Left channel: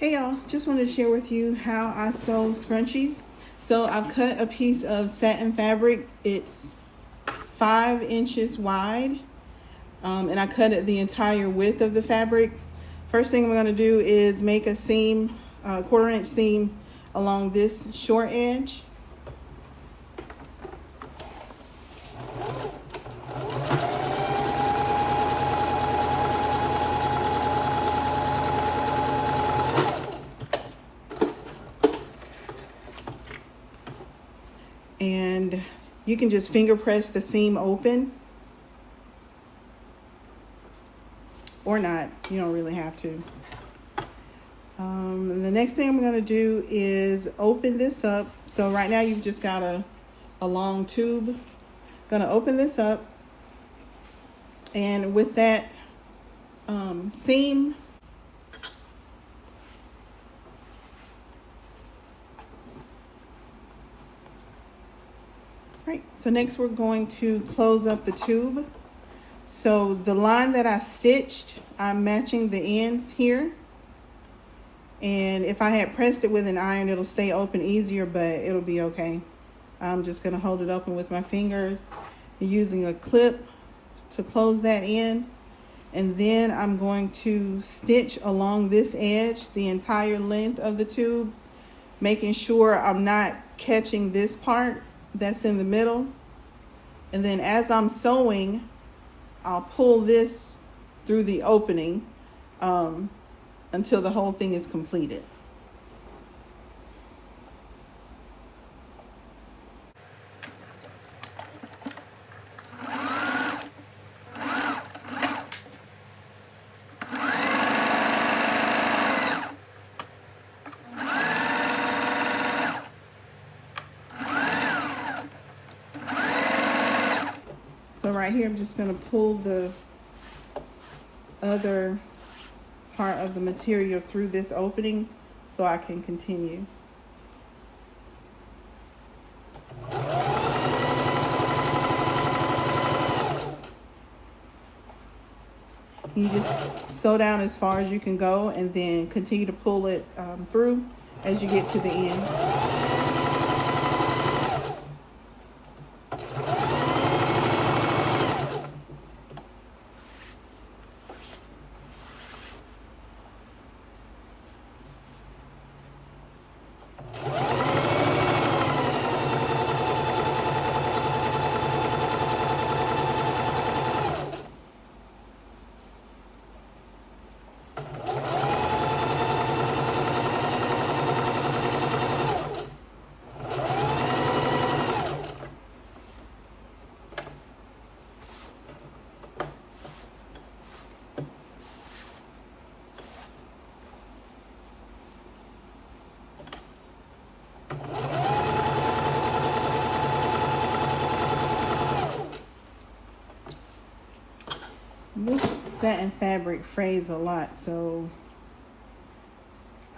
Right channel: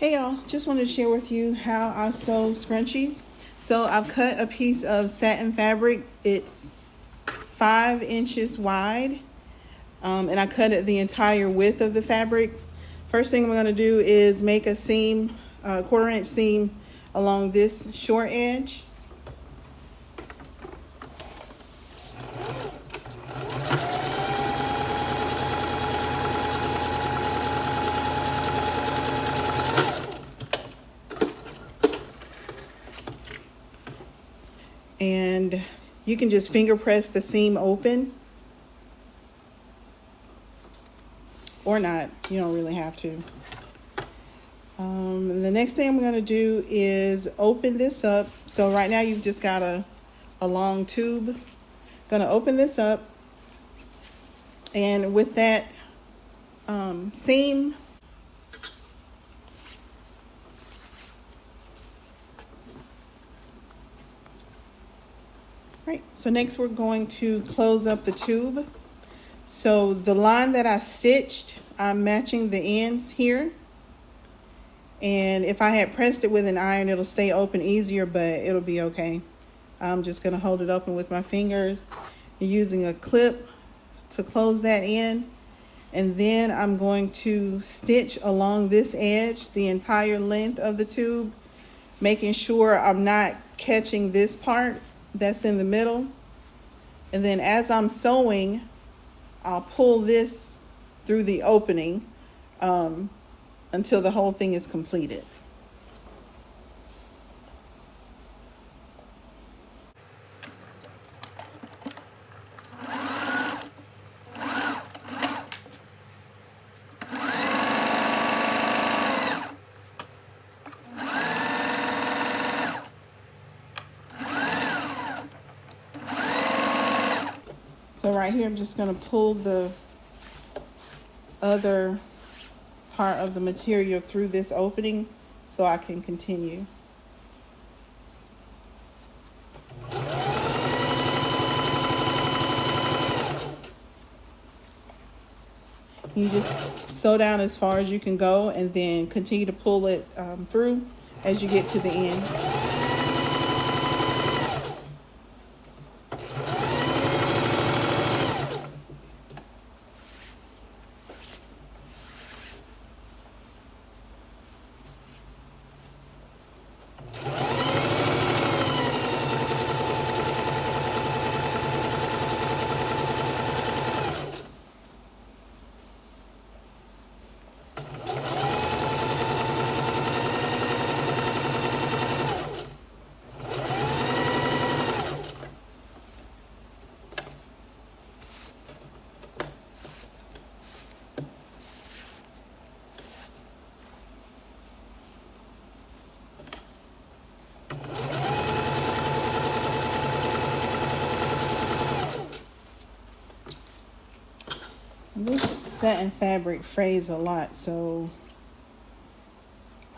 Hey y'all, just wanted to share with you how I sew scrunchies. So I've cut a piece of satin fabric. It's 5 inches wide, and I cut it the entire width of the fabric. First thing I'm going to do is make a seam, 1/4 inch seam along this short edge. And you can just finger press the seam open, or not, you don't really have to. The next thing I'm going to do is open this up. So right now you've just got a long tube. Going to open this up, and with that seam, right, so next we're going to close up the tube. So the line that I stitched, I'm matching the ends here. And if I had pressed it with an iron, it'll stay open easier, but it'll be okay. I'm just gonna hold it open with my fingers, using a clip to close that in. And then I'm going to stitch along this edge, the entire length of the tube, making sure I'm not catching this part that's in the middle. And then as I'm sewing, I'll pull this through the opening until the whole thing is completed. So right here, I'm just going to pull the other part of the material through this opening so I can continue. You just sew down as far as you can go and then continue to pull it through as you get to the end. This satin fabric frays a lot, so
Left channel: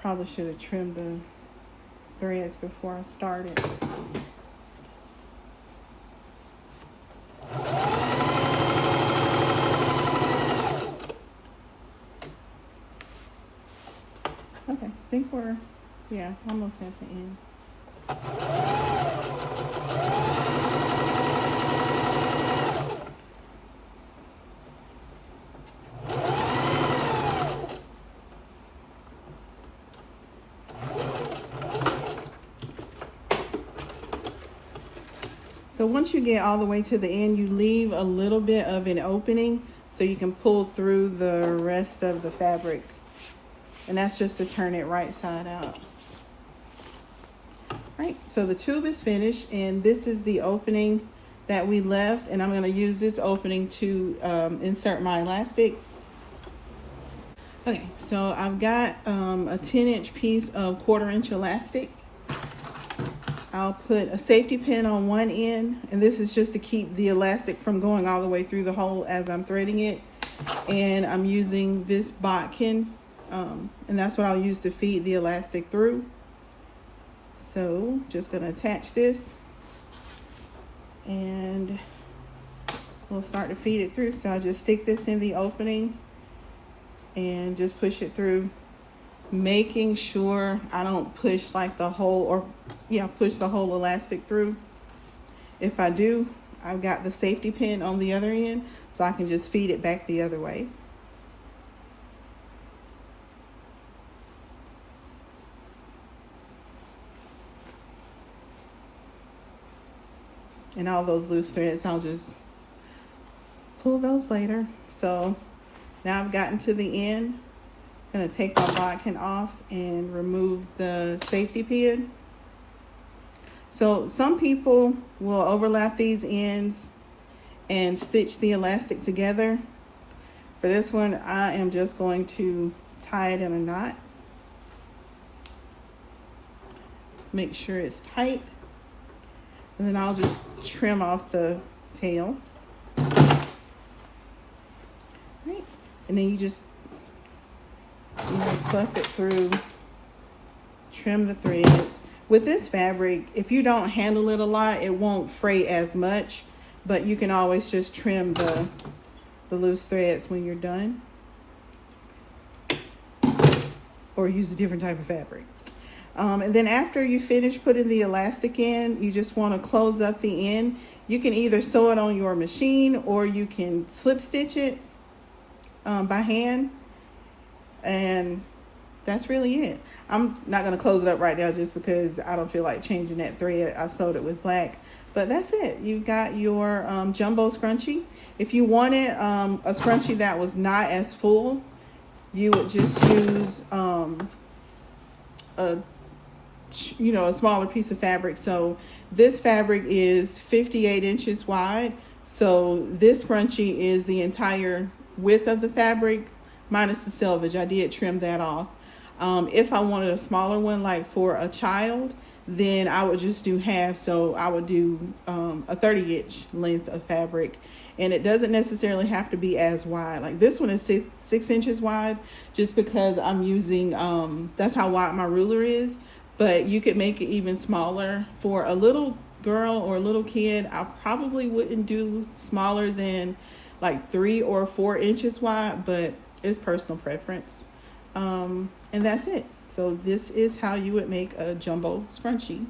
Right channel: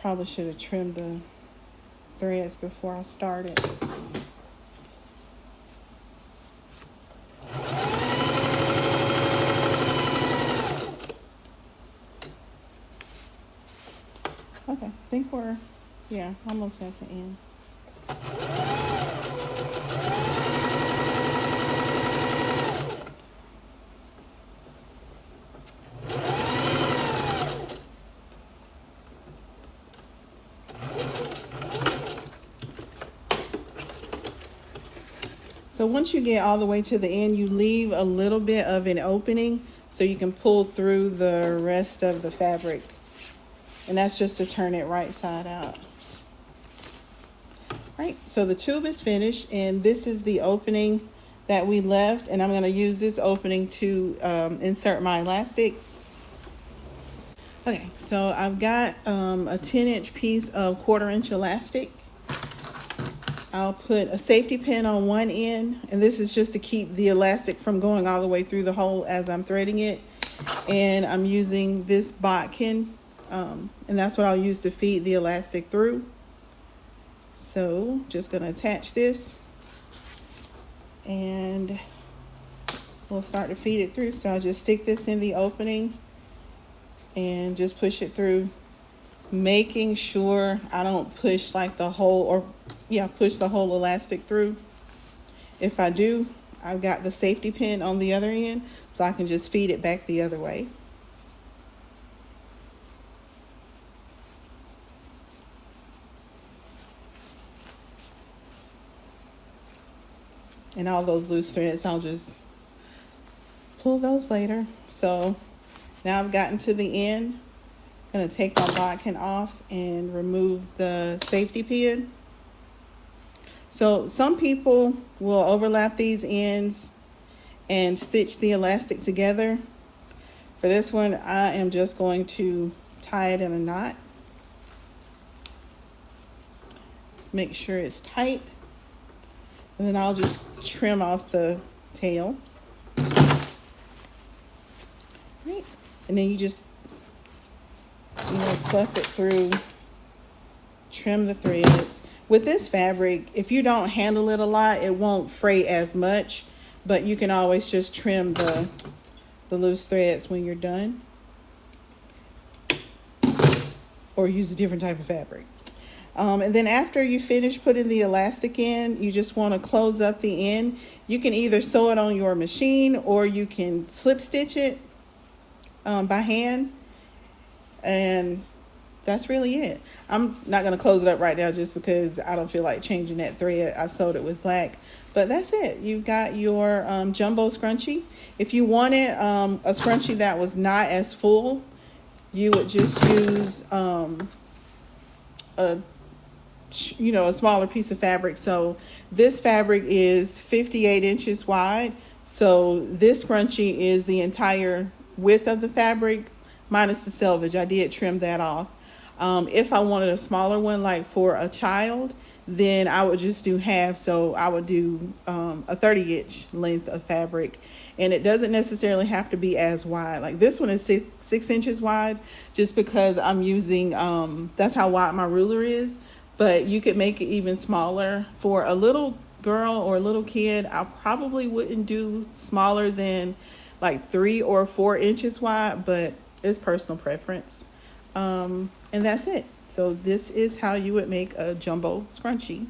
probably should have trimmed the threads before I started. Okay, I think we're, yeah, almost at the end. So once you get all the way to the end, you leave a little bit of an opening so you can pull through the rest of the fabric. And that's just to turn it right side out. Right, so the tube is finished, and this is the opening that we left, and I'm going to use this opening to insert my elastic. Okay, so I've got a 10-inch piece of 1/4 inch elastic. I'll put a safety pin on one end, and this is just to keep the elastic from going all the way through the hole as I'm threading it. And I'm using this bodkin, and that's what I'll use to feed the elastic through. So just gonna attach this, and we'll start to feed it through. So I'll just stick this in the opening and just push it through making sure I don't push like the whole, or yeah, push the whole elastic through. If I do, I've got the safety pin on the other end, so I can just feed it back the other way. And all those loose threads, I'll just pull those later. So now I've gotten to the end. I'm gonna take my bodkin off and remove the safety pin. So some people will overlap these ends and stitch the elastic together. For this one, I am just going to tie it in a knot. Make sure it's tight. And then I'll just trim off the tail. Right. And then you just fluff it through, trim the threads. With this fabric, if you don't handle it a lot, it won't fray as much, but you can always just trim the loose threads when you're done. Or use a different type of fabric. And then after you finish putting the elastic in, you just want to close up the end. You can either sew it on your machine or you can slip stitch it by hand. And that's really it. I'm not going to close it up right now just because I don't feel like changing that thread. I sewed it with black. But that's it. You've got your jumbo scrunchie. If you wanted a scrunchie that was not as full, you would just use a smaller piece of fabric. So this fabric is 58 inches wide. So this scrunchie is the entire width of the fabric minus the selvage. I did trim that off. If I wanted a smaller one, like for a child, then I would just do half. So I would do a 30-inch length of fabric. And it doesn't necessarily have to be as wide. Like this one is 6 inches wide, just because I'm using, that's how wide my ruler is. But you could make it even smaller. For a little girl or a little kid, I probably wouldn't do smaller than like 3 or 4 inches wide, but it's personal preference. And that's it. So this is how you would make a jumbo scrunchie.